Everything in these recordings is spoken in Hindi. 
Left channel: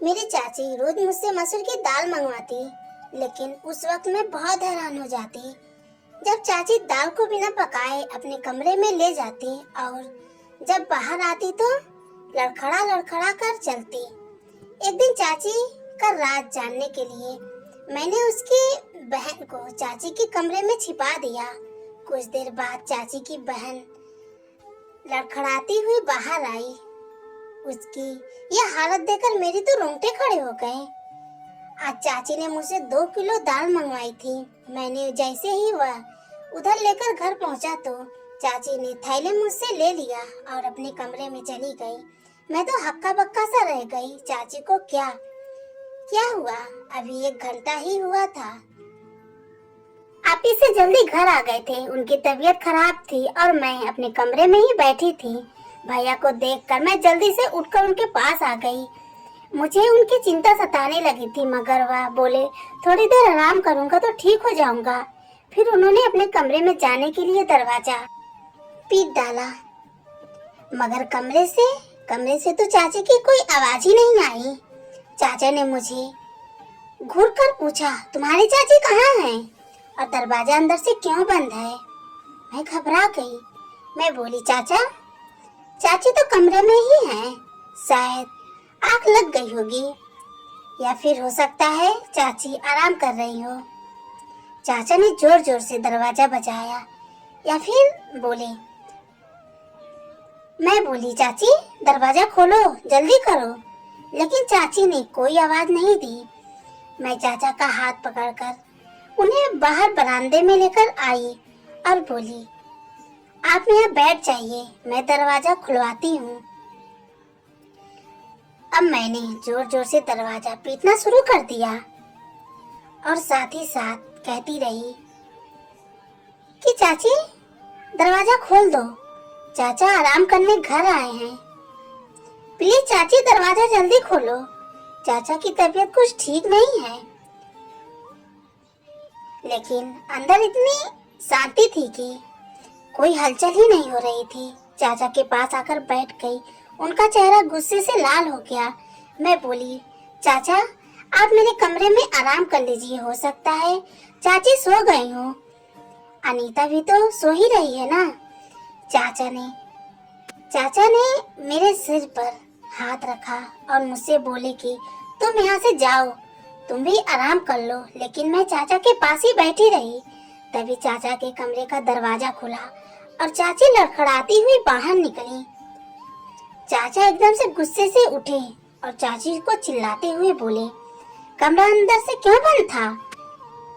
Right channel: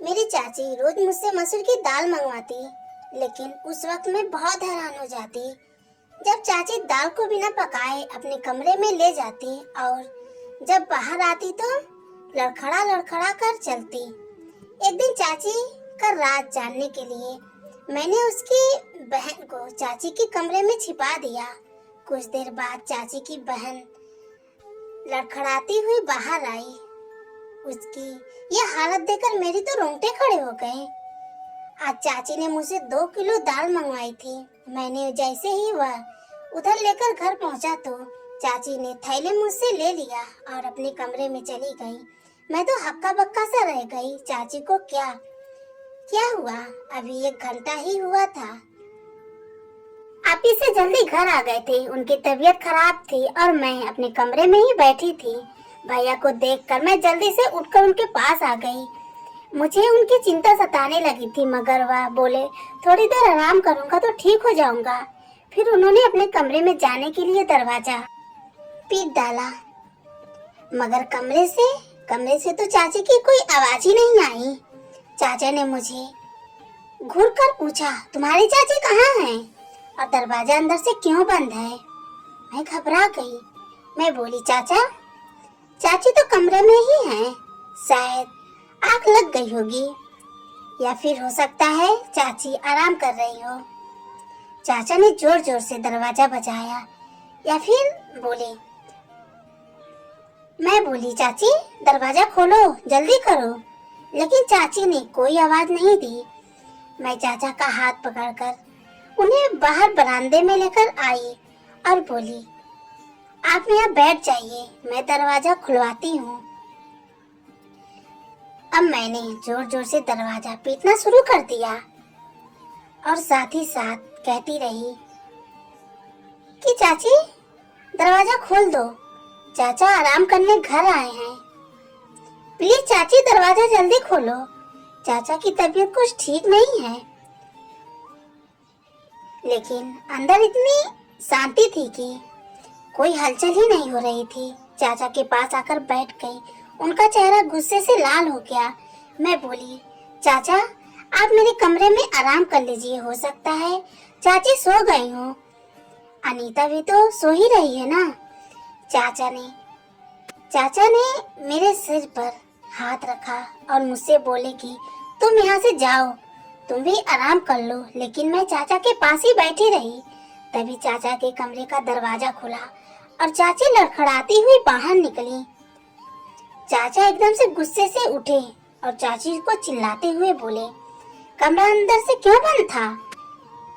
मेरी चाची रोज मुझसे मसूर की दाल मंगवाती, लेकिन उस वक्त मैं बहुत हैरान हो जाती जब चाची दाल को बिना पकाए अपने कमरे में ले जाती और जब बाहर आती तो लड़खड़ा लड़खड़ा कर चलती। एक दिन चाची का राज जानने के लिए मैंने उसकी बहन को चाची के कमरे में छिपा दिया। कुछ देर बाद चाची की बहन लड़खड़ाती हुई बाहर आई। उसकी यह हालत देखकर मेरे तो रोंगटे खड़े हो गए। आज चाची ने मुझसे 2 किलो दाल मंगवाई थी। मैंने जैसे ही वह उधर लेकर घर पहुंचा तो चाची ने थैले मुझसे ले लिया और अपने कमरे में चली गई। मैं तो हक्का बक्का सा रह गई। चाची को क्या क्या हुआ? अभी 1 घंटा ही हुआ था। आप इससे जल्दी घर आ गए थे। उनकी तबीयत खराब थी और मैं अपने कमरे में ही बैठी थी। भैया को देखकर मैं जल्दी से उठकर उनके पास आ गई। मुझे उनकी चिंता सताने लगी थी, मगर वह बोले थोड़ी देर आराम करूंगा तो ठीक हो जाऊंगा। फिर उन्होंने अपने कमरे में जाने के लिए दरवाजा पीट डाला, मगर कमरे से तो चाची की कोई आवाज ही नहीं आई। चाचा ने मुझे घूर कर पूछा, तुम्हारी चाची कहाँ है और दरवाजा अंदर से क्यों बंद है? मैं घबरा गई। मैं बोली, चाची तो कमरे में ही है, शायद आग लग गई होगी या फिर हो सकता है चाची आराम कर रही हो। चाचा ने जोर जोर से दरवाजा बजाया या फिर बोले। मैं बोली, चाची दरवाजा खोलो, जल्दी करो, लेकिन चाची ने कोई आवाज नहीं दी। मैं चाचा का हाथ पकड़कर उन्हें बाहर बरामदे में लेकर आई और बोली, आप यहाँ बैठ जाइए, मैं दरवाजा खुलवाती हूँ। अब मैंने जोर जोर से दरवाजा पीटना शुरू कर दिया और साथ ही साथ कहती रही कि चाची दरवाजा खोल दो, चाचा आराम करने घर आए हैं। प्लीज चाची दरवाजा जल्दी खोलो, चाचा की तबीयत कुछ ठीक नहीं है। लेकिन अंदर इतनी शांति थी कि कोई हलचल ही नहीं हो रही थी। चाचा के पास आकर बैठ गई। उनका चेहरा गुस्से से लाल हो गया। मैं बोली, चाचा आप मेरे कमरे में आराम कर लीजिए, हो सकता है चाची सो गई हो। अनीता भी तो सो ही रही है ना। चाचा ने मेरे सिर पर हाथ रखा और मुझसे बोले कि तुम यहाँ से जाओ, तुम भी आराम कर लो। लेकिन मैं चाचा के पास ही बैठी रही। तभी चाचा के कमरे का दरवाजा खुला और चाची लड़खड़ाती हुई बाहर निकली। चाचा एकदम से गुस्से से उठे और चाची को चिल्लाते हुए बोले, कमरा अंदर से क्यों बंद था?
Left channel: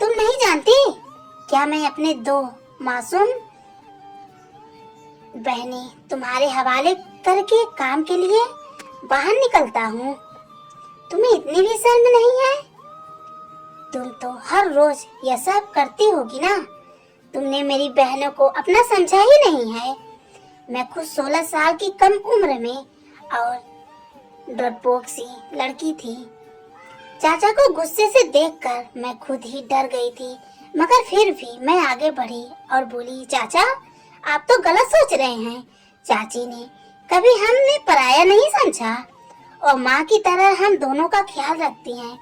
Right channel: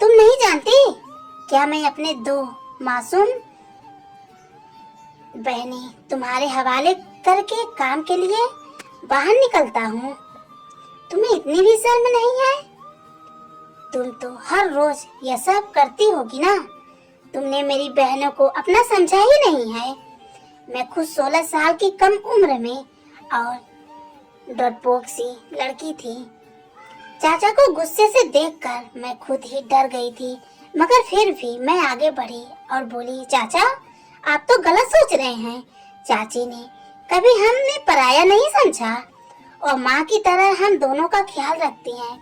तुम नहीं जानती क्या मैं अपने 2 मासूम बहनें तुम्हारे हवाले करके काम के लिए बाहर निकलता हूँ? तुम्हें इतनी भी शर्म नहीं है? तुम तो हर रोज यह सब करती होगी ना। तुमने मेरी बहनों को अपना समझा ही नहीं है। मैं खुद 16 साल की कम उम्र में और डरपोक सी लड़की थी। चाचा को गुस्से से देखकर मैं खुद ही डर गई थी, मगर फिर भी मैं आगे बढ़ी और बोली, चाचा आप तो गलत सोच रहे हैं। चाची ने कभी हमने पराया नहीं समझा और माँ की तरह हम दोनों का ख्याल रखती हैं।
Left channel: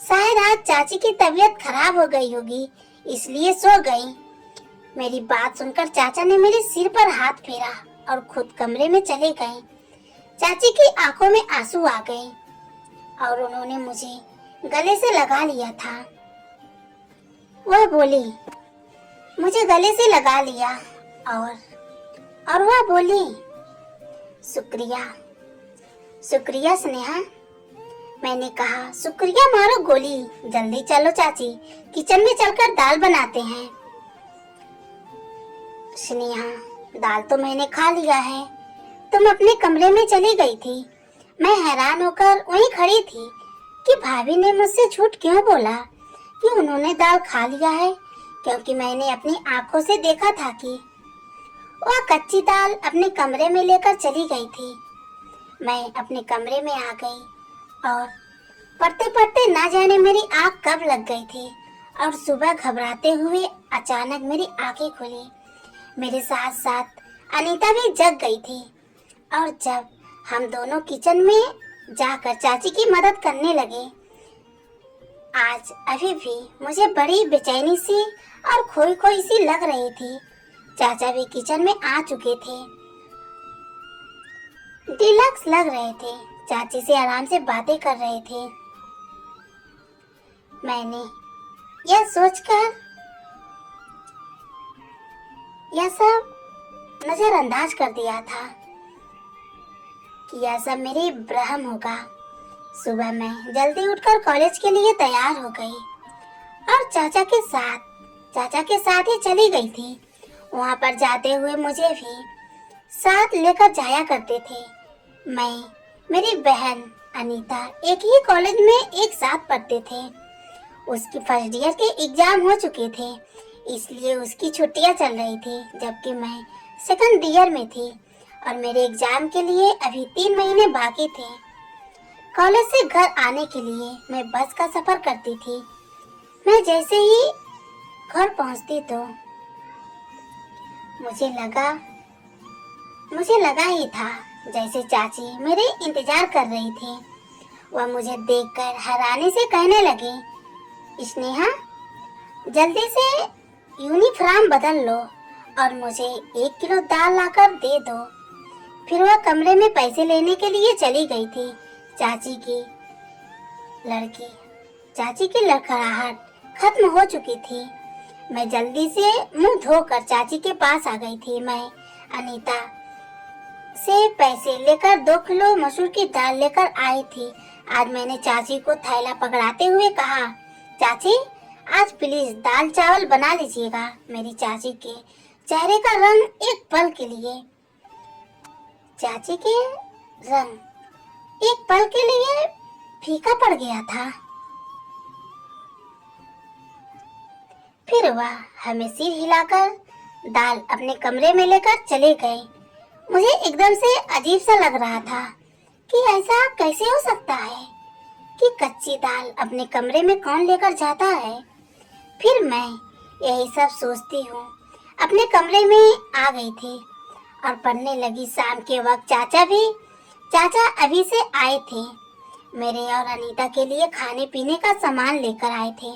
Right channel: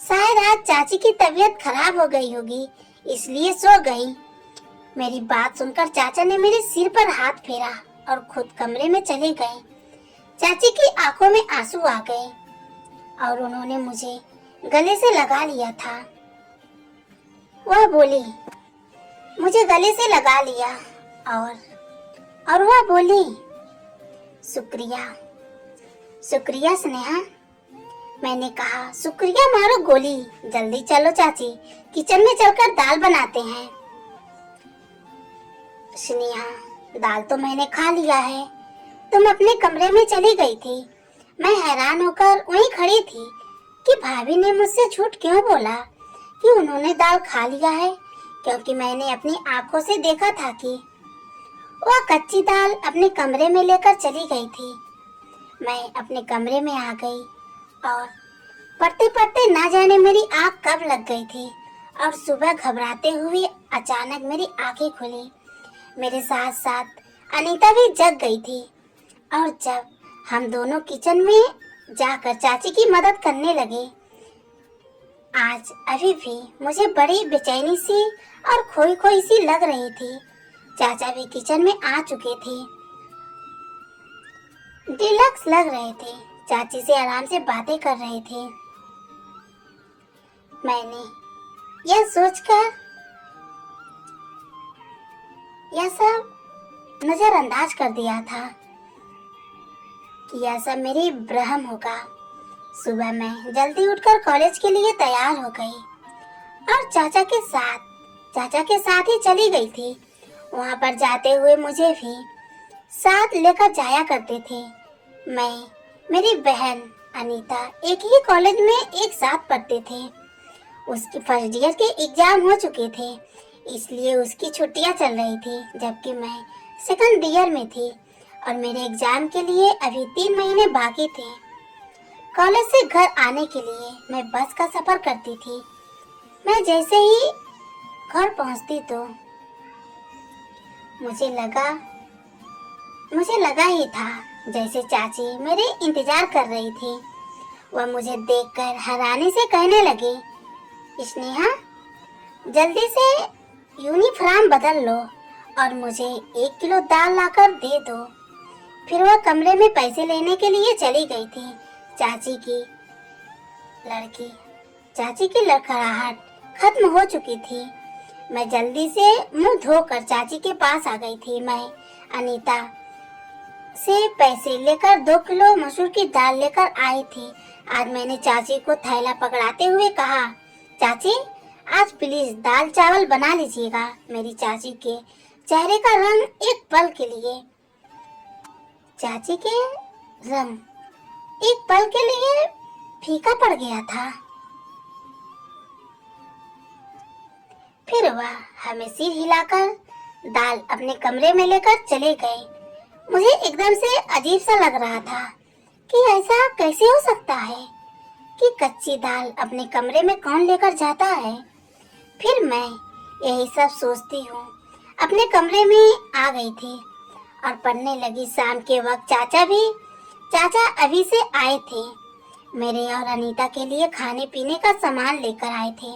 शायद आज चाची की तबीयत खराब हो गई होगी, इसलिए सो गई। मेरी बात सुनकर चाचा ने मेरे सिर पर हाथ फेरा और खुद कमरे में चले गए। चाची की आंखों में आंसू आ गए और उन्होंने मुझे गले से लगा लिया था। वह बोली, मुझे गले से लगा लिया और वह बोली, शुक्रिया स्नेहा। मैंने कहा, शुक्रिया मारो गोली, जल्दी चलो चाची, किचन में चलकर दाल बनाते हैं। स्नेहा, दाल तो मैंने खा लिया है, तुम अपने कमरे में चली गई थी। मैं हैरान होकर वहीं खड़ी थी कि भाभी ने मुझसे झूठ क्यों बोला कि उन्होंने दाल खा लिया है, क्योंकि मैंने अपनी आंखों से देखा था कि वह कच्ची दाल अपने कमरे में लेकर चली गई थी। मैं अपने कमरे में आ गई और पढ़ते पढ़ते ना जाने मेरी आंख कब लग गई थी और सुबह घबराते हुए अचानक मेरी आंखें खुली। मेरे साथ साथ अनीता भी जग गई थी और जब हम दोनों किचन में जाकर चाची की मदद करने लगे। आज अभी भी मुझे बड़ी बेचैनी सी और खोई खोई सी लग रही थी। चाचा भी किचन में आ चुके थे, डिलक्स लग रहे थे, चाची से आराम से बातें कर रहे थे। मैंने यह सोचकर यह सब नजरअंदाज कर दिया था कि यह सब मेरी भ्रम होगा। सुबह मैं जल्दी उठकर कॉलेज के लिए तैयार हो गई और चाचा के साथ ही चली गई थी। वहां पर जाते हुए मुझे भी साथ लेकर जाया करते थे। मैं, मेरी बहन अनीता एक ही कॉलेज में एक साथ पढ़ते थे। उसके फर्स्ट ईयर के एग्जाम हो चुके थे, इसलिए उसकी छुट्टियां चल रही थी, जबकि मैं सेकंड ईयर में थी और मेरे एग्जाम के लिए अभी 3 महीने बाकी थे। कॉलेज से घर आने के लिए मैं बस का सफर करती थी। मैं जैसे ही घर पहुंचती तो मुझे लगा ही था जैसे चाची मेरे इंतजार कर रही थी। वह मुझे देखकर हैरानी से कहने लगी, स्नेहा, जल्दी से यूनिफॉर्म बदल लो और मुझे 1 किलो दाल लाकर दे दो। फिर वह कमरे में पैसे लेने के लिए चली गई थी। चाची की लड़खड़ाहट खत्म हो चुकी थी। मैं जल्दी से मुंह धोकर चाची के पास आ गई थी। मैं अनीता से पैसे लेकर 2 किलो मसूर की दाल लेकर आई थी। आज मैंने चाची को थैला पकड़ाते हुए कहा, चाची, आज प्लीज दाल चावल बना लीजिएगा। मेरी चाची के चेहरे का रंग एक पल के लिए फीका पड़ गया था। फिर वह हमें सिर हिलाकर दाल अपने कमरे में लेकर चले गए। मुझे एकदम से अजीब सा लग रहा था कि ऐसा कैसे हो सकता है कि कच्ची दाल अपने कमरे में कौन लेकर जाता है। फिर मैं यही सब सोचती हूँ अपने कमरे में आ गई थी और पढ़ने लगी। शाम के वक्त चाचा अभी से आए थे। मेरे और अनीता के लिए खाने पीने का सामान लेकर आए थे।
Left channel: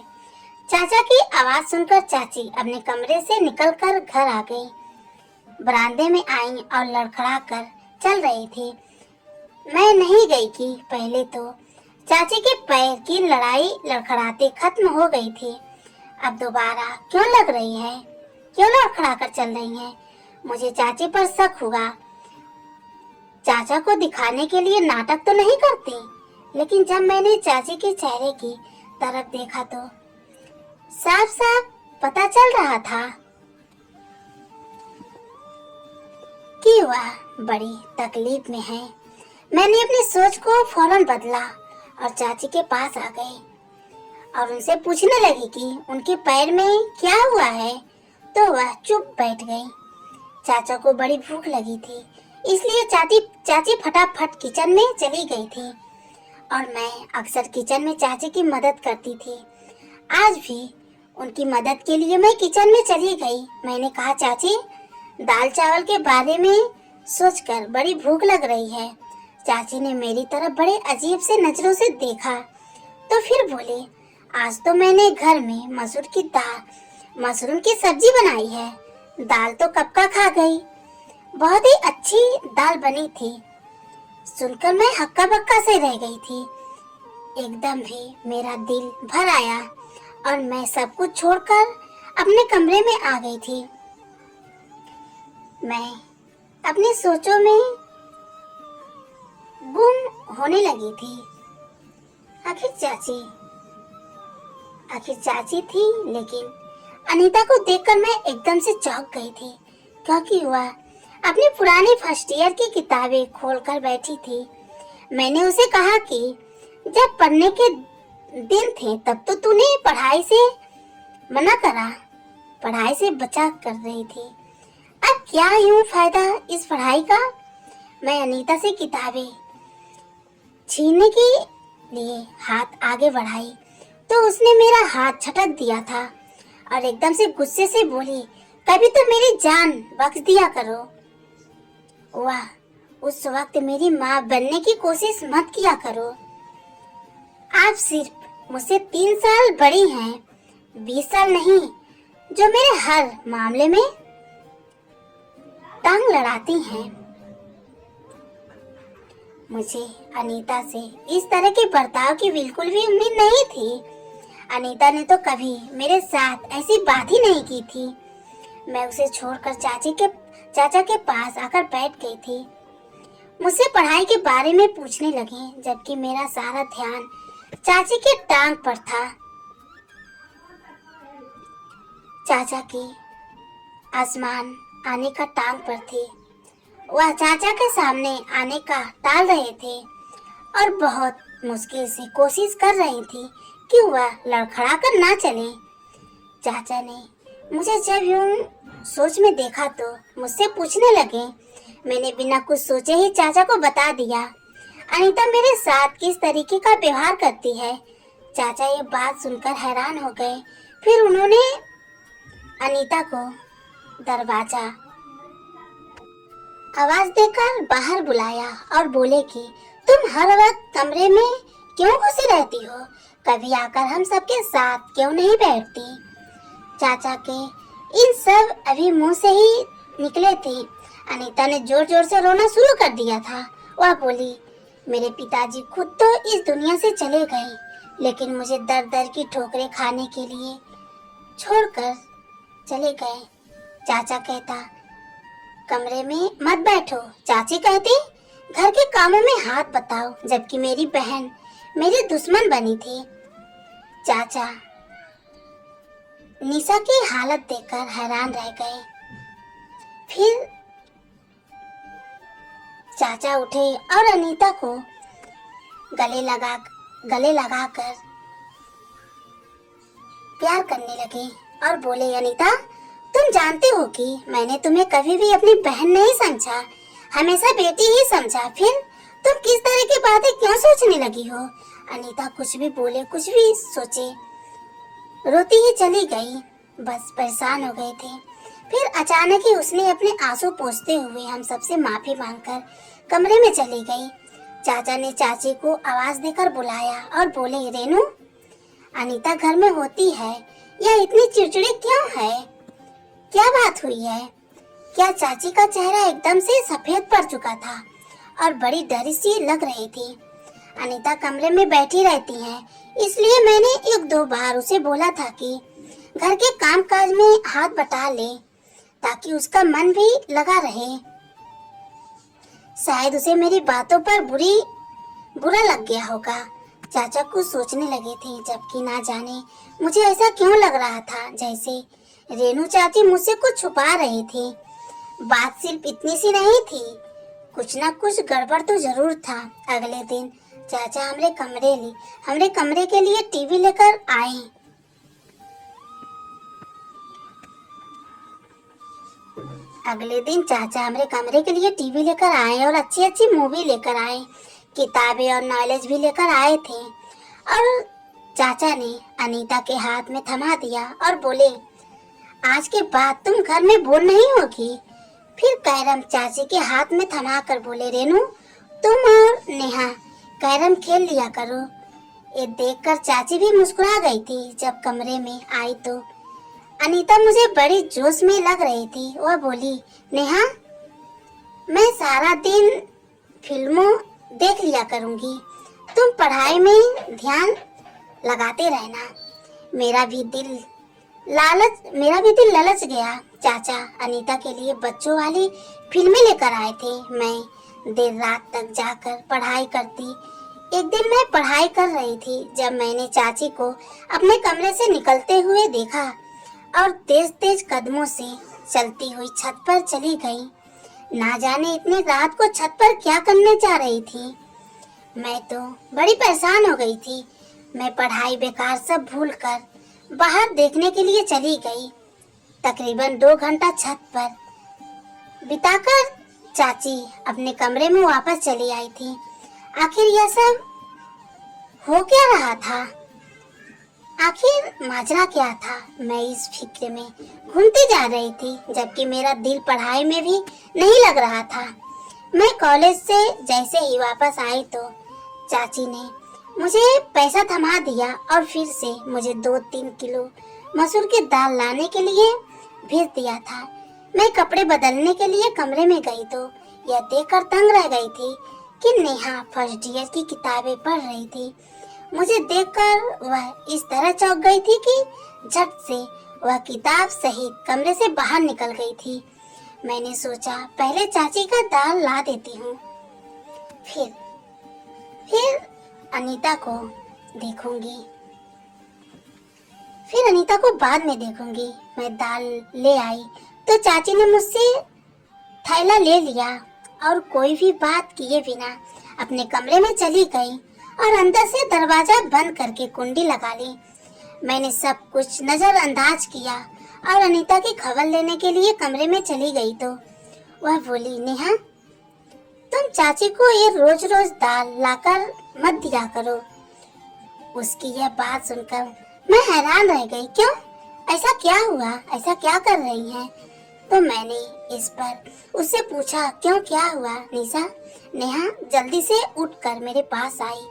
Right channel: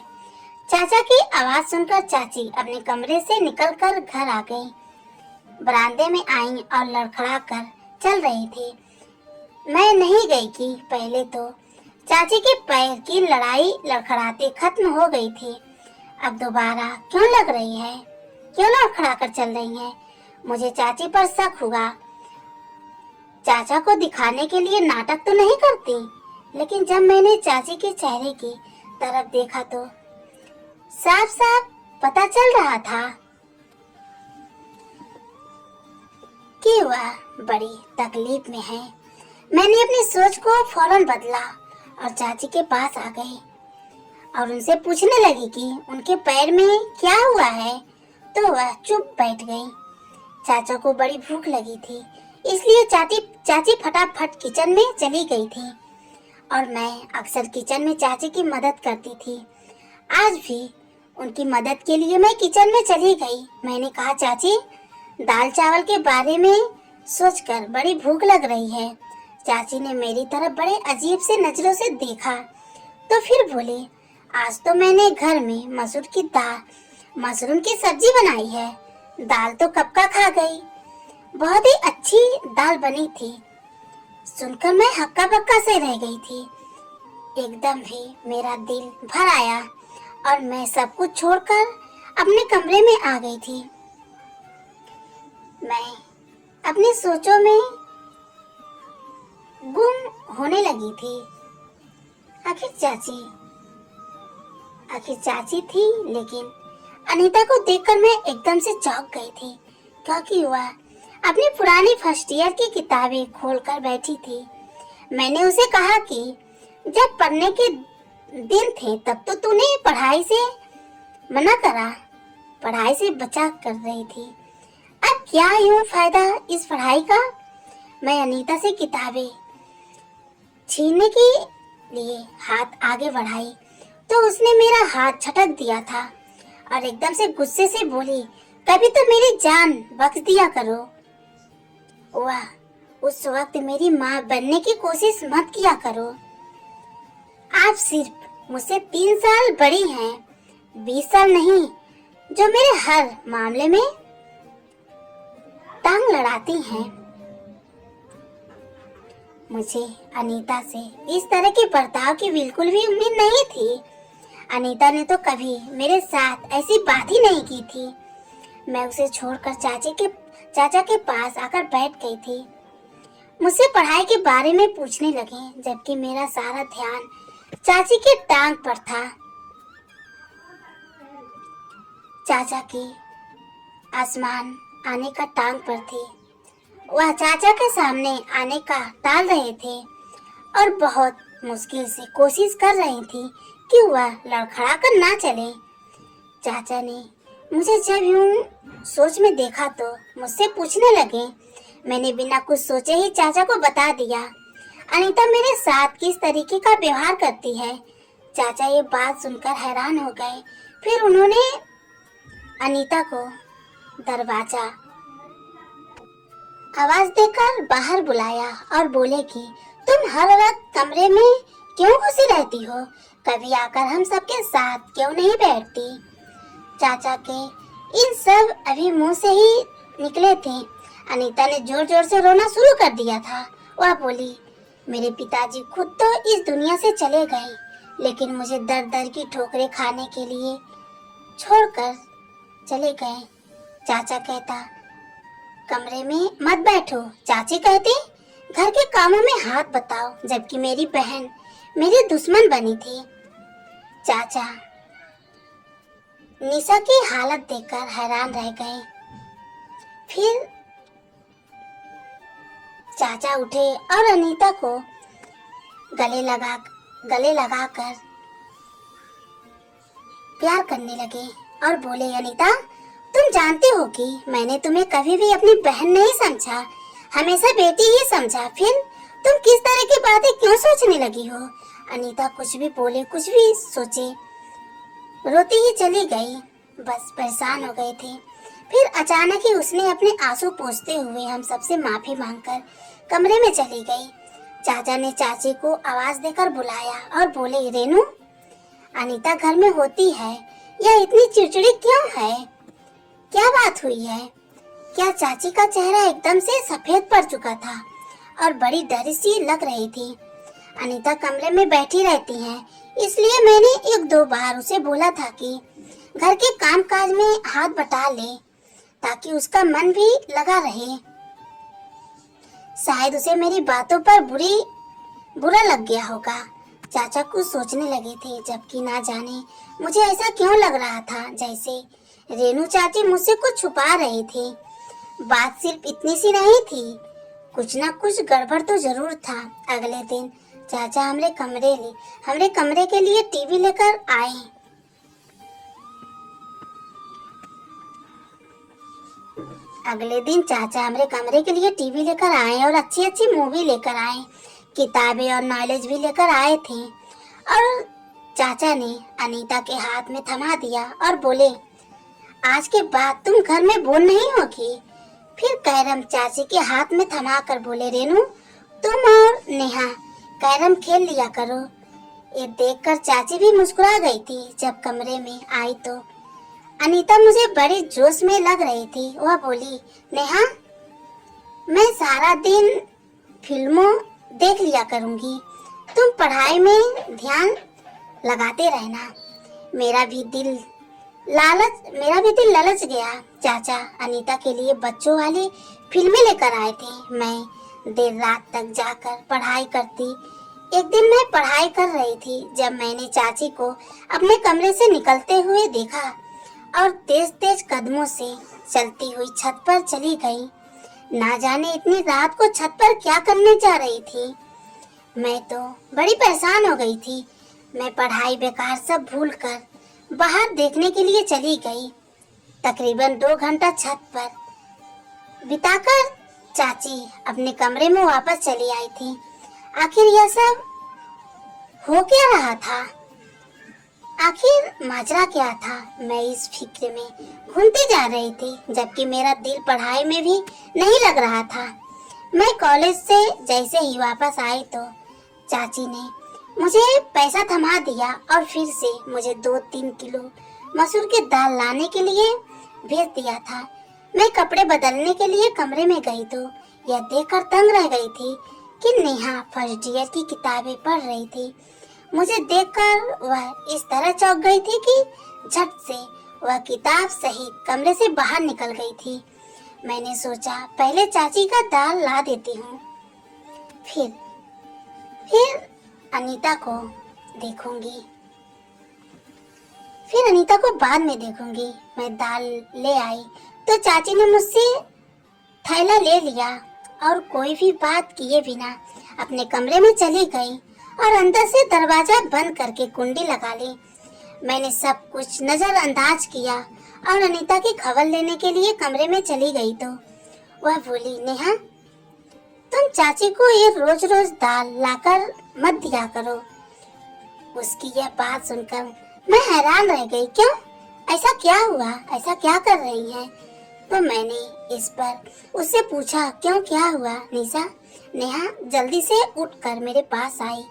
चाचा की आवाज सुनकर चाची अपने कमरे से निकलकर घर आ गई। बरामदे में आई और लड़खड़ा कर चल रही थी। मैं नहीं गई कि पहले तो चाची के पैर की लड़ाई लड़खड़ाते खत्म हो गई थी। अब दोबारा क्यों लग रही है, क्यों लड़खड़ा कर चल रही है। मुझे चाची पर शक हुआ। चाचा को दिखाने के लिए नाटक तो नहीं करती, लेकिन जब मैंने चाची के चेहरे की तरफ देखा तो साफ साफ पता चल रहा था कि वह बड़ी तकलीफ में है। मैंने अपनी सोच को फौरन बदला और चाची के पास आ गई और उनसे पूछने लगी कि उनके पैर में क्या हुआ है, तो वह चुप बैठ गई। चाचा को बड़ी भूख लगी थी, इसलिए चाची फटाफट किचन में चली गई थी और मैं अक्सर किचन में चाची की मदद करती थी। आज भी उनकी मदद के लिए मैं किचन में चली गई। मैंने कहा, चाची, दाल चावल के बारे में सोचकर बड़ी भूख लग रही है। चाची ने मेरी तरफ बड़े अजीब से नजरों से देखा तो फिर बोली, आज तो मैंने घर में मशरूम की सब्जी बनाई है। दाल तो कब का खा गई। बहुत ही अच्छी दाल बनी थी। सुनकर मैं हक्का बक्का से रह गई थी। एकदम भी मेरा दिल भर आया और मैं सब कुछ छोड़कर अपने कमरे में आ गई थी। मैं अपनी सोचों में गुम होने लगी थी। आखिर चाची थी, लेकिन अनीता को देखकर मैं एकदम से चौंक गई थी, क्योंकि वह अपनी पुरानी फर्स्ट ईयर की किताबें खोलकर बैठी थी। मैंने उसे कहा कि जब पढ़ने के दिन थे तब तो तूने पढ़ाई से मना करा, पढ़ाई से बचा कर रही थी। अब क्या यूं फायदा इस पढ़ाई का। मैं अनीता से किताबें छीनने के लिए हाथ आगे बढ़ाई तो उसने मेरा हाथ झटक दिया था और एकदम से गुस्से से बोली, कभी तो मेरी जान बख्श दिया करो। उस वक्त मेरी माँ बनने की कोशिश मत किया करो। आप सिर्फ मुझसे 3 साल बड़ी हैं, 20 साल नहीं, जो मेरे हर मामले में टांग लड़ाती हैं। मुझे अनीता से इस तरह के बर्ताव की बिल्कुल भी उम्मीद नहीं थी। अनीता ने तो कभी मेरे साथ ऐसी बात ही नहीं की थी। मैं उसे छोड़कर चाचा के पास आकर बैठ गई थी। मुझसे पढ़ाई के बारे में पूछने लगी, जबकि मेरा सारा ध्यान चाची के टांग पर था। चाचा की आसमान आने का टांग पर थी। वह चाचा के सामने आने का टाल रहे थे और बहुत मुश्किल से कोशिश कर रही थी कि वह लड़खड़ा कर ना चले। चाचा ने मुझे जब यूं सोच में देखा तो मुझसे पूछने लगे। मैंने बिना कुछ सोचे ही चाचा को बता दिया, अनीता मेरे साथ किस तरीके का व्यवहार करती है। चाचा ये बात सुनकर हैरान हो गए। फिर उन्होंने अनीता को दरवाजा आवाज देकर बाहर बुलाया और बोले कि तुम हर वक्त कमरे में क्यों घुसी रहती हो? कभी आकर हम सबके साथ क्यों नहीं बैठती? चाचा के इन सब अभी मुंह से ही निकले थे। अनीता ने जोर जोर से रोना शुरू कर दिया था। वह बोली, मेरे पिताजी खुद तो इस दुनिया से चले गए, लेकिन मुझे दर दर की ठोकरें खाने के लिए छोड़कर चले गए। चाचा कहता, कमरे में मत बैठो। चाची कहती, घर के कामों में हाथ बटाओ, जबकि मेरी बहन मेरी दुश्मन बनी थी। चाचा निशा की हालत देखकर हैरान रह गए। फिर चाचा उठे और अनीता को गले लगाकर प्यार करने लगे और बोले, अनीता तुम जानती हो कि मैंने तुम्हें कभी भी अपनी बहन नहीं समझा, हमेशा बेटी ही समझा। फिर तुम किस तरह की बातें क्यों सोचने लगी हो? अनीता कुछ भी बोले, कुछ भी सोचे, रोती ही चली गई। बस परेशान हो गए थे। फिर अचानक ही उसने अपने आंसू पोंछते हुए हम सबसे माफी मांगकर कमरे में चली गई। चाचा ने चाची को आवाज देकर बुलाया और बोले, रेनू, अनीता घर में होती है, यह इतनी चिड़चिड़ी क्यों है? क्या बात हुई है? क्या? चाची का चेहरा एकदम से सफेद पड़ चुका था और बड़ी डरी सी लग रही थी। अनीता कमरे में बैठी रहती है, इसलिए मैंने 1-2 बार उसे बोला था कि घर के कामकाज में हाथ बटा ले, ताकि उसका मन भी लगा रहे। शायद उसे मेरी बातों पर बुरा लग गया होगा। चाचा कुछ सोचने लगे थे, जबकि ना जाने मुझे ऐसा क्यों लग रहा था जैसे रेनू चाची मुझसे कुछ छुपा रही थी। बात सिर्फ इतनी सी नहीं थी, कुछ ना कुछ गड़बड़ तो जरूर था। अगले दिन चाचा हमरे कमरे के लिए टीवी लेकर आए। अगले दिन चाचा हमारे कमरे के लिए टीवी लेकर आए और अच्छी अच्छी मूवी लेकर आए, किताबें और नॉलेज भी लेकर आए थे। और चाचा ने अनीता के हाथ में थमा दिया और बोले, आज के बाद तुम घर में बोल नहीं होगी। फिर कैरम चाची के हाथ में थमा कर बोले, रेनू तुम और नेहा कैरम खेल लिया करो। ये देखकर चाची भी मुस्कुरा गई थी। जब कमरे में आई तो अनीता मुझे बड़े जोश में लग रही थी। वह बोली, नेहा मैं सारा दिन फिल्मों देख लिया करूंगी, तुम पढ़ाई में ध्यान लगाते रहना। मेरा भी दिल ललच गया। चाचा अनीता के लिए बच्चों वाली फिल्में लेकर आए थे। मैं देर रात तक जाकर पढ़ाई करती। एक दिन मैं पढ़ाई कर रही थी जब मैंने चाची को अपने कमरे से निकलते हुए देखा और तेज तेज कदमों से चलती हुई छत पर चली गई। ना जाने इतनी रात को छत पर क्या करने जा रही थी। मैं तो बड़ी परेशान हो गई थी। मैं पढ़ाई बेकार सब भूलकर बाहर देखने के लिए चली गई। तकरीबन 2 घंटा छत पर बिताकर चाची अपने कमरे में वापस चली आई थी। आखिर यह सब हो क्या रहा था? आखिर माजरा क्या था? मैं इस फिक्र में घूमती जा रही थी, जबकि मेरा दिल पढ़ाई में भी नहीं लग रहा था। मैं कॉलेज से जैसे ही वापस आई तो चाची ने मुझे पैसा थमा दिया और फिर से मुझे 2-3 किलो मसूर की दाल लाने के लिए भेज दिया था। मैं कपड़े बदलने के लिए कमरे में गई तो यह देखकर तंग रह गई थी कि नेहा फर्स्ट ईयर की किताबें पढ़ रही थी। मुझे देखकर वह इस तरह चौंक गई थी कि झट से वह किताब सहित कमरे से बाहर निकल गई थी। मैंने सोचा पहले चाची का दाल ला देती हूँ, फिर अनीता को देखूंगी, फिर अनीता को बाद में देखूंगी। मैं दाल ले आई तो चाची ने मुझसे थैला ले लिया और कोई भी बात किए बिना अपने कमरे में चली गई और अंदर से दरवाजा बंद करके कुंडी लगा ली। मैंने सब कुछ नजरअंदाज किया और अनीता की खबर लेने के लिए कमरे में चली गई तो वह बोली, नेहा तुम चाची को ये रोज रोज दाल लाकर मत दिया करो। उसकी यह बात सुनकर मैं हैरान रह गई। क्यों, ऐसा क्या हुआ, ऐसा क्या कर रही है? तो मैंने इस पर उससे पूछा, क्यों, क्या हुआ निशा? नेहा जल्दी से उठकर मेरे पास आई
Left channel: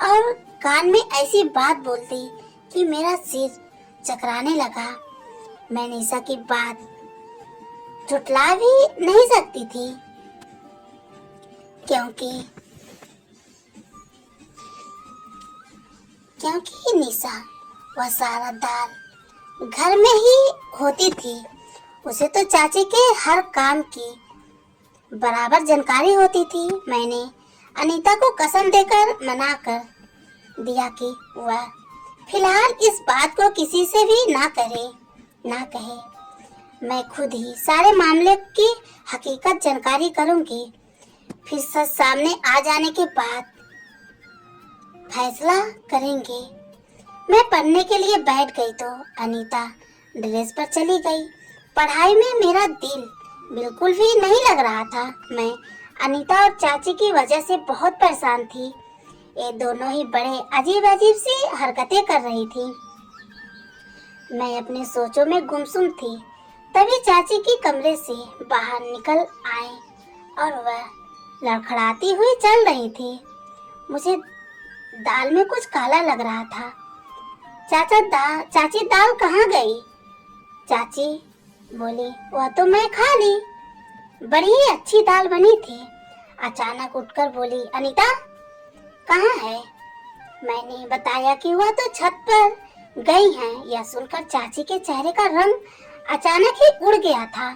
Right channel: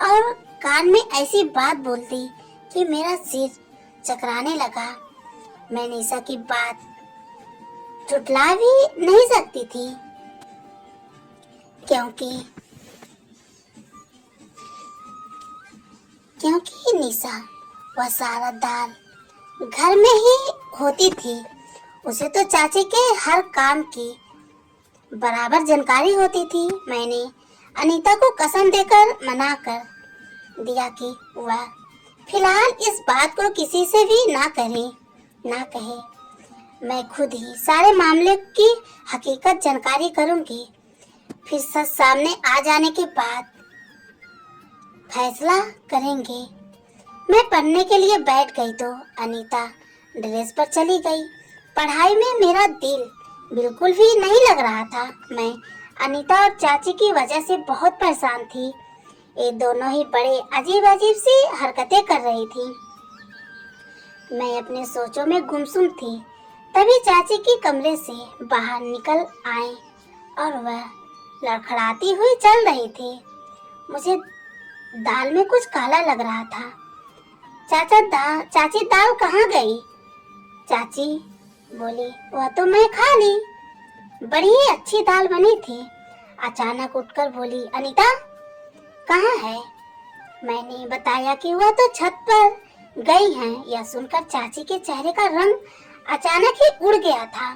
और कान में ऐसी बात बोलती कि मेरा सिर चकराने लगा। मैं निशा की बात झुठला भी नहीं सकती थी क्योंकि निशा वह सारा दाल घर में ही होती थी। उसे तो चाची के हर काम की बराबर जानकारी होती थी। मैंने अनीता को कसम देकर मना कर दिया कि वह फिलहाल इस बात को किसी से भी ना कहे। मैं खुद ही सारे मामले की हकीकत जानकारी करूंगी। फिर सच सामने आ जाने के बाद फैसला करेंगे। मैं पढ़ने के लिए बैठ गई तो अनीता ड्रेस पर चली गई। पढ़ाई में मेरा दिल बिल्कुल भी नहीं लग रहा था। मैं अनीता और चाची की वजह से बहुत परेशान थी। ये दोनों ही बड़े अजीब अजीब सी हरकतें कर रही थी। मैं अपने सोचों में गुमसुम थी। तभी चाची की कमरे से बाहर निकल आए और वह लड़खड़ाती हुई चल रही थी। मुझे दाल में कुछ काला लग रहा था। चाची दाल कहाँ गई? चाची बोली, वह तो मैं खा ली, बड़ी ही अच्छी दाल बनी थी। अचानक उठकर बोली, अनीता कहाँ है? मैंने बताया कि वह तो छत पर गई हैं। यह सुनकर चाची के चेहरे का रंग अचानक ही उड़ गया था।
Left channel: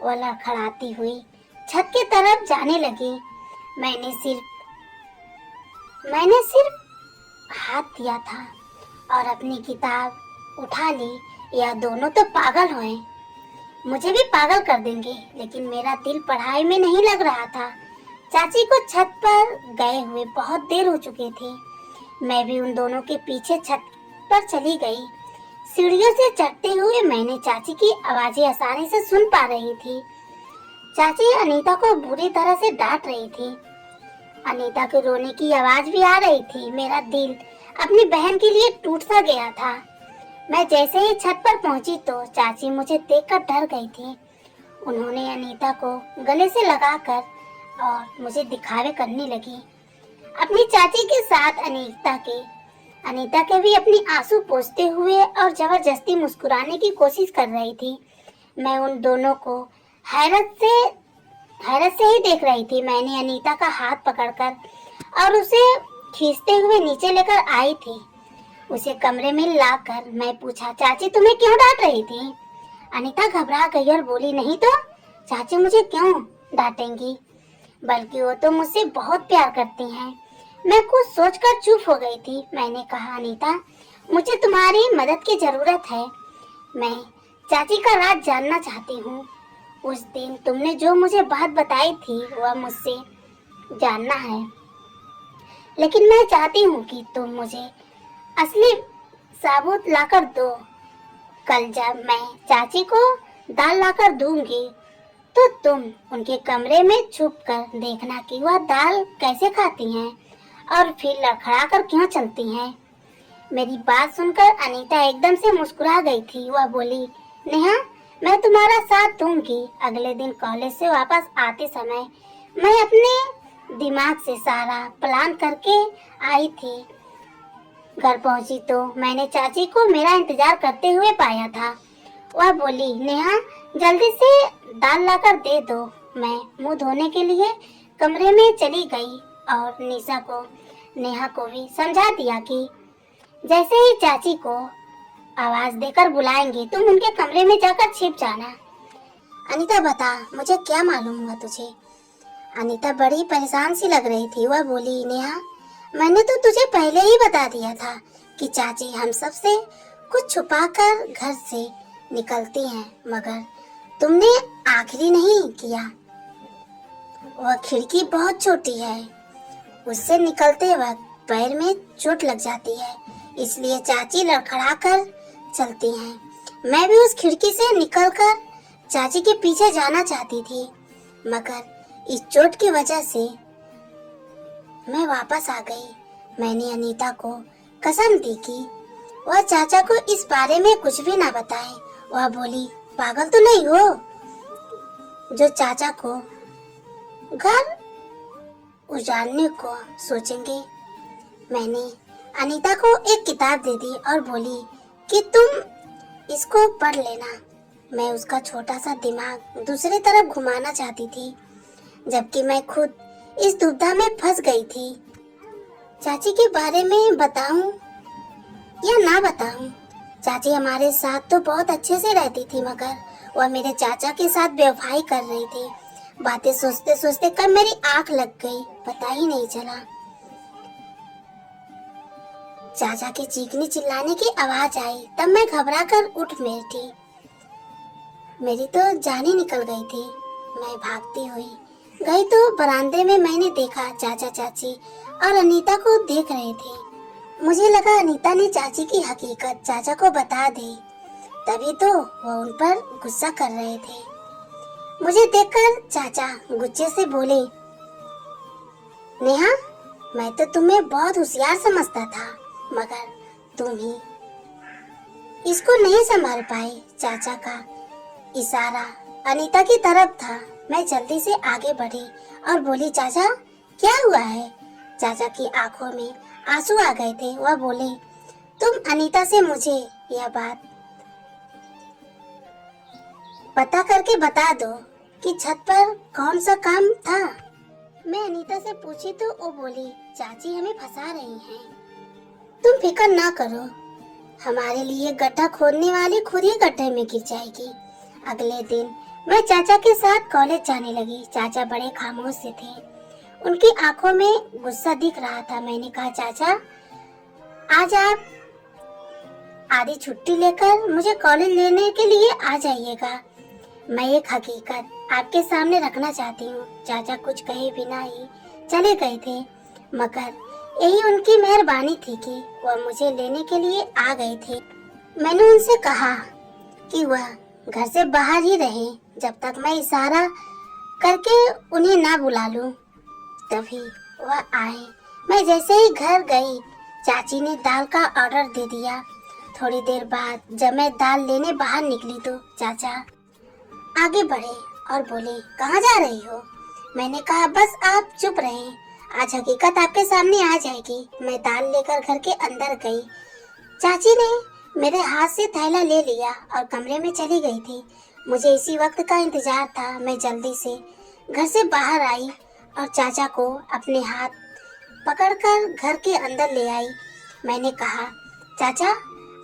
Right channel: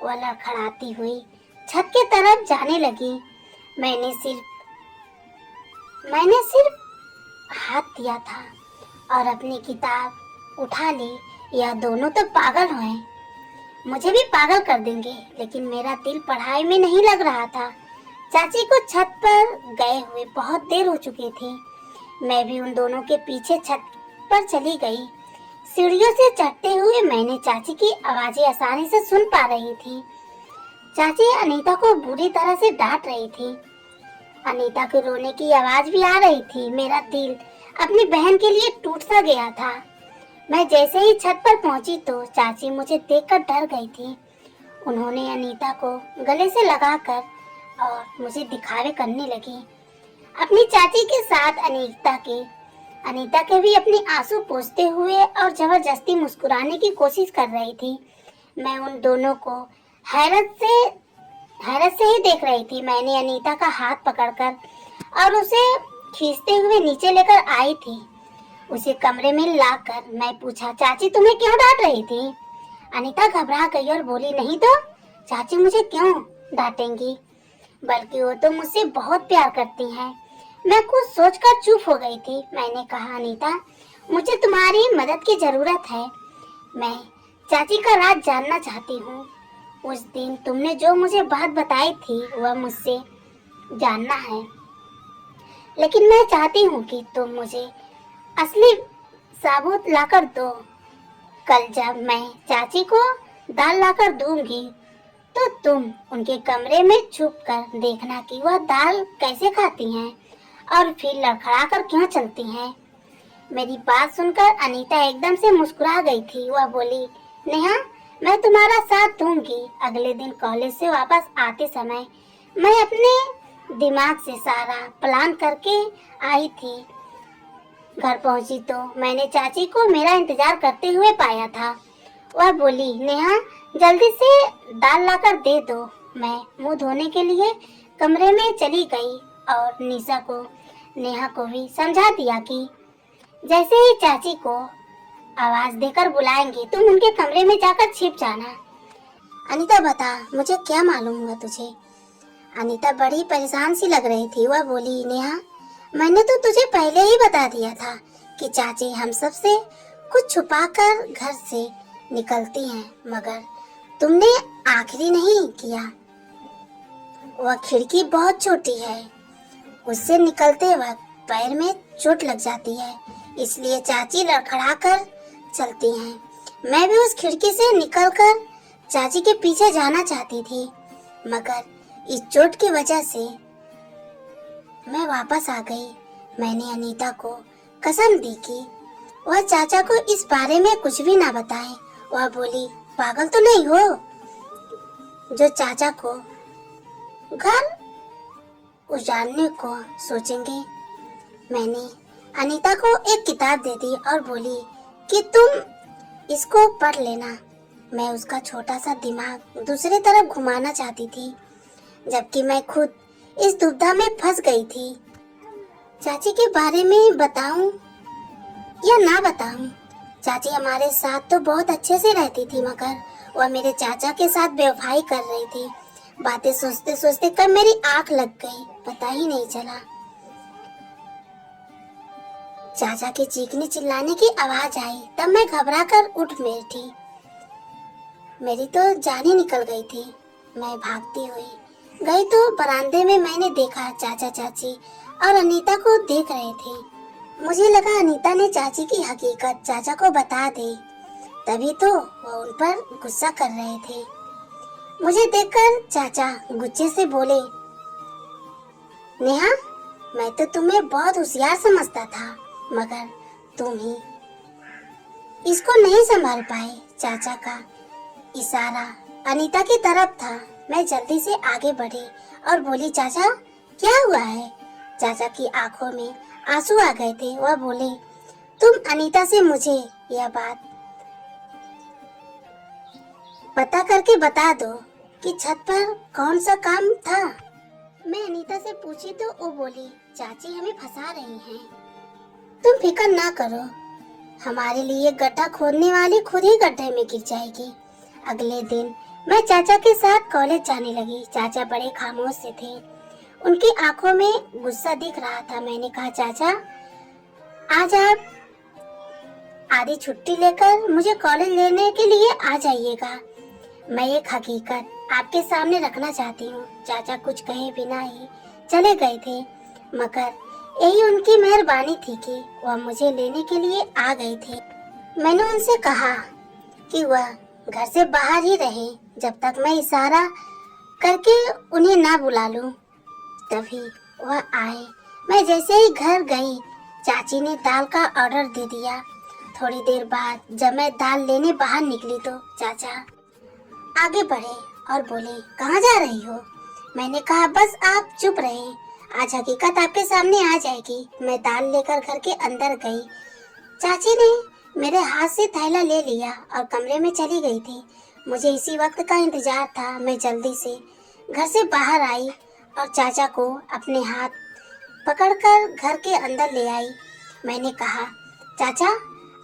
वह लड़खड़ाती हुई छत के तरफ जाने लगी। मैंने सिर्फ हाथ दिया था और अपनी किताब उठा ली। यह दोनों तो पागल हुए, मुझे भी पागल कर देंगे। लेकिन मेरा दिल पढ़ाई में नहीं लग रहा था। चाची को छत पर गए हुए बहुत देर हो चुकी थी। मैं भी उन दोनों के पीछे छत पर चली गई। सीढ़ियों से चढ़ते हुए मैंने चाची की आवाजें आसानी से सुन पा रही थी। चाची अनीता को बुरी तरह से डांट रही थी। अनीता के रोने की आवाज भी आ रही थी। मेरा दिल अपनी बहन के लिए टूट सा गया था। मैं जैसे ही छत पर पहुंची तो चाची मुझे देखकर डर गई थी। उन्होंने अनीता को गले से लगाकर और मुझे दिखावे करने लगी। अपनी चाची के साथ अनीता के भी अपनी आंसू पोंछते हुए और जबरदस्ती मुस्कुराने की कोशिश कर रही थी। मैं उन दोनों को हैरत से ही देख रही थी। मैंने अनीता का हाथ पकड़कर और उसे खींचते हुए नीचे लेकर आई थी। उसे कमरे में लाकर मैं पूछा, चाची तुम्हें क्यों डांट रही थी? अनीता घबरा गई और बोली, नहीं तो चाची मुझे क्यों डांटेंगी, बल्कि वो तो मुझसे बहुत प्यार करती हैं। मैं कुछ सोचकर चुप हो गई थी। मैंने कहा, अनीता मुझे तुम्हारी मदद की जरूरत है। मैं चाची का राज जानना चाहती हूँ। उस दिन तुमने जो मुझे बात बताई थी वह मुझसे जानना है, लेकिन मैं चाहती हूँ कि तुम मुझे असली सबूत लाकर दो। कल जब मैं चाची को दाल लाकर दूंगी तो तुम उनके कमरे में छुप कर देखना कि वह दाल कैसे खाती हैं और फिर लड़खड़ा कर क्यों चलती हैं। मेरी बात सुनकर अनीता एकदम से मुस्कुरा गई थी। वह बोली, नेहा मैं तुम्हारा साथ दूंगी। अगले दिन कॉलेज से वापस आते समय मैं अपने दिमाग से सारा प्लान करके आई थी। घर पहुंची तो मैंने चाची को मेरा इंतजार करते हुए पाया था। वह बोली, नेहा जल्दी से दाल लाकर दे दो। मैं मुंह धोने के लिए कमरे में चली गई और नेहा को भी समझा दिया कि जैसे ही चाची को आवाज देकर बुलाएंगे तुम उनके कमरे में जाकर छिप जाना। अनीता बता, मुझे क्या मालूम हुआ तुझे? अनीता बड़ी परेशान सी लग रही थी। वह बोली, नेहा मैंने तो तुझे पहले ही बता दिया था कि चाची हम सब से कुछ छुपाकर घर से निकलती हैं, मगर तुमने आखिरी नहीं किया। वह खिड़की बहुत छोटी है, उससे निकलते वक्त पैर में चोट लग जाती है, इसलिए चाची लड़खड़ाकर चलती हैं। मैं भी उस खिड़की से निकलकर चाची के पीछे जाना चाहती थी, मगर इस चोट की वजह से मैं वापस आ गई। मैंने अनीता को कसम दी कि वह चाचा को इस बारे में कुछ भी ना बताए। वह बोली, पागल तो नहीं हो जो चाचा को घर उजाड़ने को सोचेंगे। मैंने अनीता को एक किताब दे दी और बोली कि तुम इसको पढ़ लेना। मैं उसका छोटा सा दिमाग दूसरी तरफ घुमाना चाहती थी, जबकि मैं खुद इस दुविधा में फंस गई थी। चाची के बारे में बताऊं या ना बताऊं? चाची हमारे साथ तो बहुत अच्छे से रहती थी, मगर वह मेरे चाचा के साथ बेवफाई कर रही थी। बातें सोचते सोचते कब मेरी आंख लग गई पता ही नहीं चला। चाचा के चीखने चिल्लाने की आवाज आई, तब मैं घबरा कर उठ बैठी। मेरी तो जान ही निकल गई थी। मैं भागती हुई गई तो बरामदे में मैंने देखा चाचा चाची और अनीता को देख रहे थे। मुझे लगा अनीता ने चाची की हकीकत चाचा को बता दे, तभी तो वो उन पर गुस्सा कर रहे थे। मुझे देखकर चाचा गुस्से से बोले, नेहा मैं तो तुम्हें बहुत होशियार समझता था, मगर तुम ही इसको नहीं संभाल पाए। चाचा का इशारा अनीता की तरफ था। मैं जल्दी से आगे बढ़ी और बोली, चाचा क्या हुआ है? चाचा की आंखों में आंसू आ गए थे। वह बोले, तुम अनीता से मुझे यह बात पता करके बता दो कि छत पर कौन सा काम था। मैं अनीता से पूछी तो वो बोली, चाची हमें फंसा रही हैं। तुम फिक्र ना करो, हमारे लिए गड्ढा खोदने वाली खुद ही गड्ढे में गिर जाएगी। अगले दिन मैं चाचा के साथ कॉलेज जाने लगी। चाचा बड़े खामोश से थे, उनकी आंखों में गुस्सा दिख रहा था। मैंने कहा, चाचा आज आप आधी छुट्टी लेकर मुझे कॉलेज लेने के लिए आ जाइएगा। मैं एक हकीकत आपके सामने रखना चाहती हूँ। चाचा कुछ कहे बिना ही चले गए थे, मगर यही उनकी मेहरबानी थी कि वह मुझे लेने के लिए आ गए थे। मैंने उनसे कहा कि वह घर से बाहर ही रहे जब तक मैं इशारा करके उन्हें ना बुला लूं। तभी वह आए। मैं जैसे ही घर गई, चाची ने दाल का ऑर्डर दे दिया। थोड़ी देर बाद जब मैं दाल लेने बाहर निकली तो चाचा आगे बढ़े और बोले, कहाँ जा रही हो? मैंने कहा, बस आप चुप रहे, आज हकीकत आपके सामने आ जाएगी। मैं दाल लेकर घर के अंदर गई। चाची ने मेरे हाथ से थैला ले लिया और कमरे में चली गई थी। मुझे इसी वक्त का इंतजार था। मैं जल्दी से घर से बाहर आई और चाचा को अपने हाथ पकड़कर घर के अंदर ले आई। मैंने कहा, चाचा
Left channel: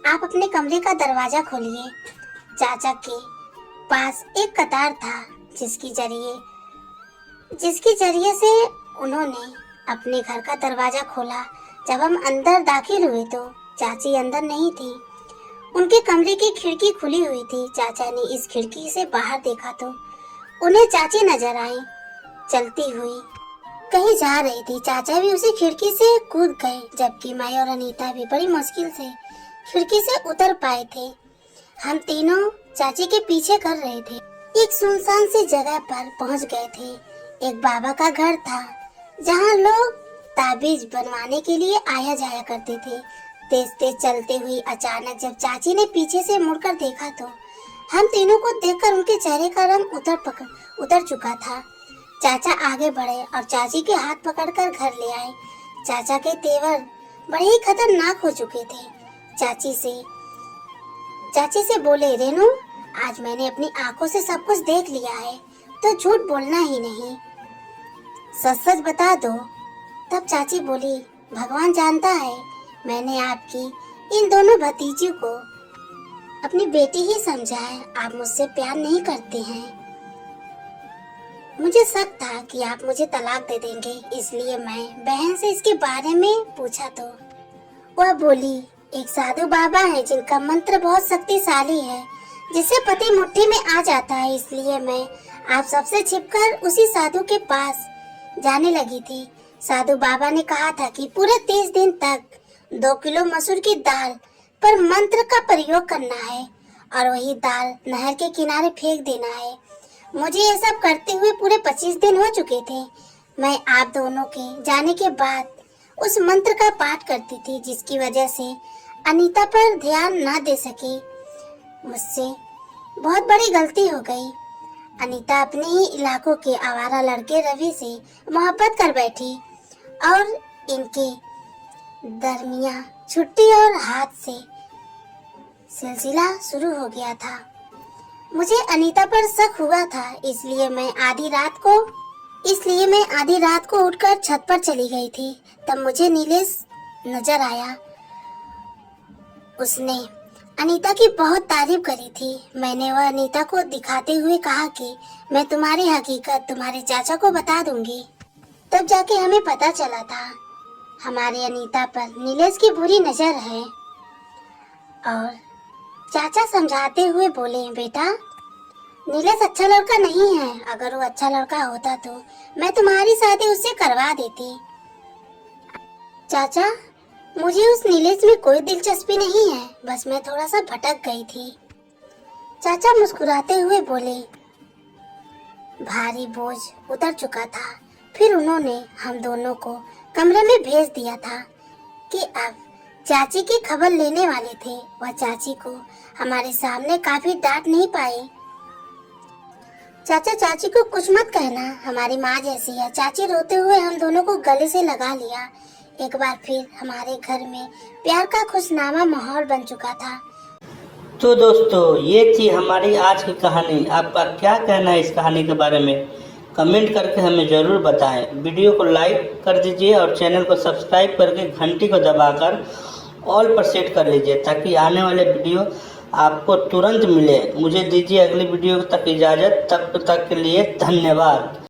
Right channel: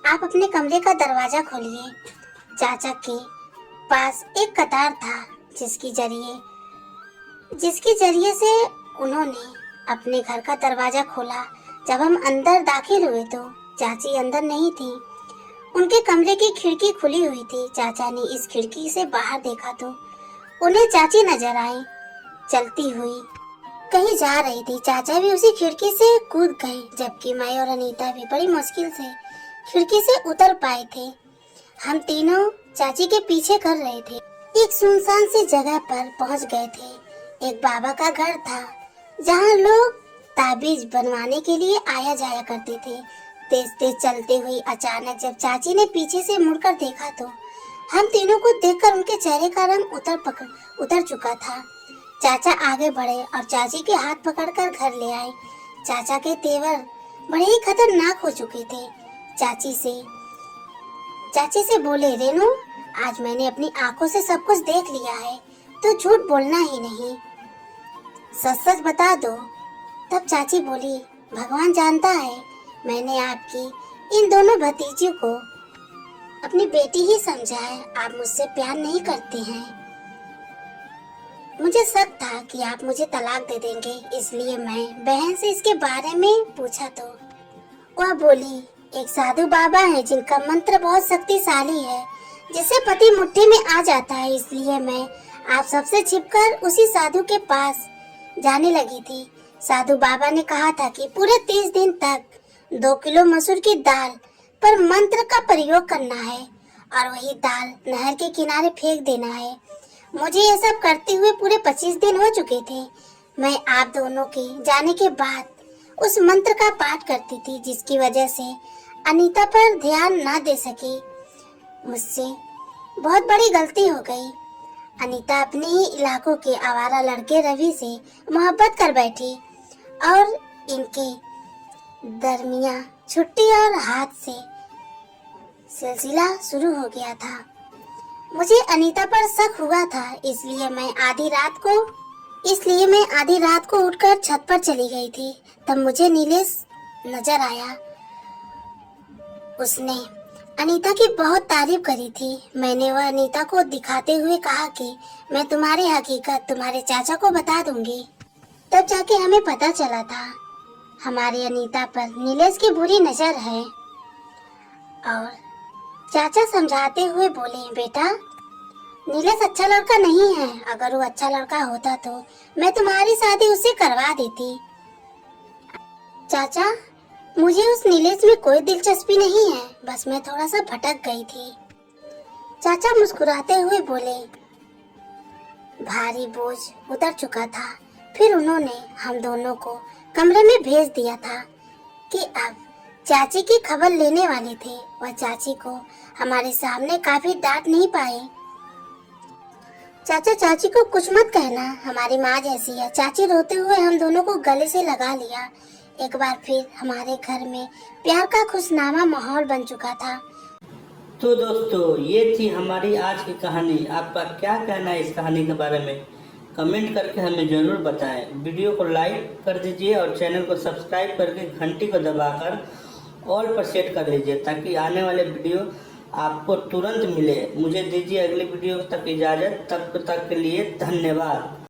आप अपने कमरे का दरवाजा खोलिए। चाचा के पास एक कतार था जिसके जरिए से उन्होंने अपने घर का दरवाजा खोला। जब हम अंदर दाखिल हुए तो चाची अंदर नहीं थी, उनके कमरे की खिड़की खुली हुई थी। चाचा ने इस खिड़की से बाहर देखा तो उन्हें चाची नजर आई, चलती हुई कहीं जा रही थी। चाचा भी उसी खिड़की से कूद गए, जबकि मैं और अनीता भी बड़ी मुश्किल से खिड़की से उतर पाए थे। हम तीनों चाची के पीछे कर रहे थे। एक सुनसान सी जगह पर पहुंच गए थे। एक बाबा का घर था जहां लोग ताबीज बनवाने के लिए आया जाया करते थे। तेज तेज चलते हुए अचानक जब चाची ने पीछे से मुड़कर देखा तो हम तीनों को देखकर उनके चेहरे का रंग उतर चुका था। चाचा आगे बढ़े और चाची के हाथ पकड़कर घर ले आए। चाचा के तेवर बड़े ही खतरनाक हो चुके थे। चाची से बोले, रेनू, आज मैंने अपनी आंखों से सब कुछ देख लिया है, तो झूठ बोलना ही नहीं, सच सच बता दो। तब चाची बोली, भगवान जानता है, मैंने आपकी इन दोनों भतीजियों को अपनी बेटी ही समझा है। आप मुझसे प्यार नहीं करते हैं। मुझे शक था कि आप मुझे तलाक दे देंगे, इसलिए मैं बहन से इसके बारे में पूछा तो वह बोली, एक साधु बाबा है जिनका मंत्र बहुत शक्तिशाली है, जिसे पति मुट्ठी में आ जाता है, इसलिए मैं आप सबसे छिपकर उसी साधु के पास जाने लगी थी। साधु बाबा ने कहा था कि पूरे 30 दिन तक 2 किलो मसूर की दाल पर मंत्र का प्रयोग करना है और वही दाल नहर के किनारे फेंक देना है। मुझे ये सब करते हुए पूरे 25 दिन हो चुके थे। मैं आप दोनों के जाने के बाद उस मंत्र का पाठ करती थी, जिसकी वजह से अनीता पर ध्यान ना दे सकी। मुझसे बहुत बड़ी गलती हो गई। अनीता अपने ही इलाकों के आवारा लड़के रवि से मोहब्बत कर बैठी और इनकी दरमिया छुट्टी और हाथ से सिलसिला शुरू हो गया था। मुझे अनीता पर शक हुआ था, इसलिए मैं आधी रात को उठकर छत पर चली गई थी। तब मुझे नीलेश नजर आया। उसने अनीता की बहुत तारीफ करी थी। मैंने वह अनीता को दिखाते हुए कहा कि मैं तुम्हारी हकीकत तुम्हारे चाचा को बता दूंगी। तब जाके हमें पता चला था हमारी अनीता पर नीलेश की बुरी नजर है। और चाचा समझाते हुए बोले, बेटा, नीलेश अच्छा लड़का नहीं है। अगर वो अच्छा लड़का होता तो मैं तुम्हारी शादी उससे करवा देती। चाचा, मुझे उस नीलेश में कोई दिलचस्पी नहीं है, बस मैं थोड़ा सा भटक गई थी। चाचा मुस्कुराते हुए बोले, भारी बोझ उतर चुका था। फिर उन्होंने हम दोनों को कमरे में भेज दिया था कि अब चाची की खबर लेने वाले थे। वह चाची को हमारे सामने काफी डांट नहीं पाए। चाचा, चाची को कुछ मत कहना, हमारी माँ जैसी है। चाची रोते हुए हम दोनों को गले से लगा लिया। एक बार फिर हमारे घर में प्यार का खुशनुमा माहौल बन चुका था। तो दोस्तों, ये थी हमारी आज की कहानी। आपका क्या कहना है इस कहानी के बारे में? कमेंट करके हमें ज़रूर बताएं। वीडियो को लाइक कर दीजिए और चैनल को सब्सक्राइब करके घंटी को दबाकर ऑल पर सेट कर लीजिए, ताकि आने वाले वीडियो आपको तुरंत मिले। मुझे दीजिए अगली वीडियो तक इजाज़त। तब तक के लिए धन्यवाद।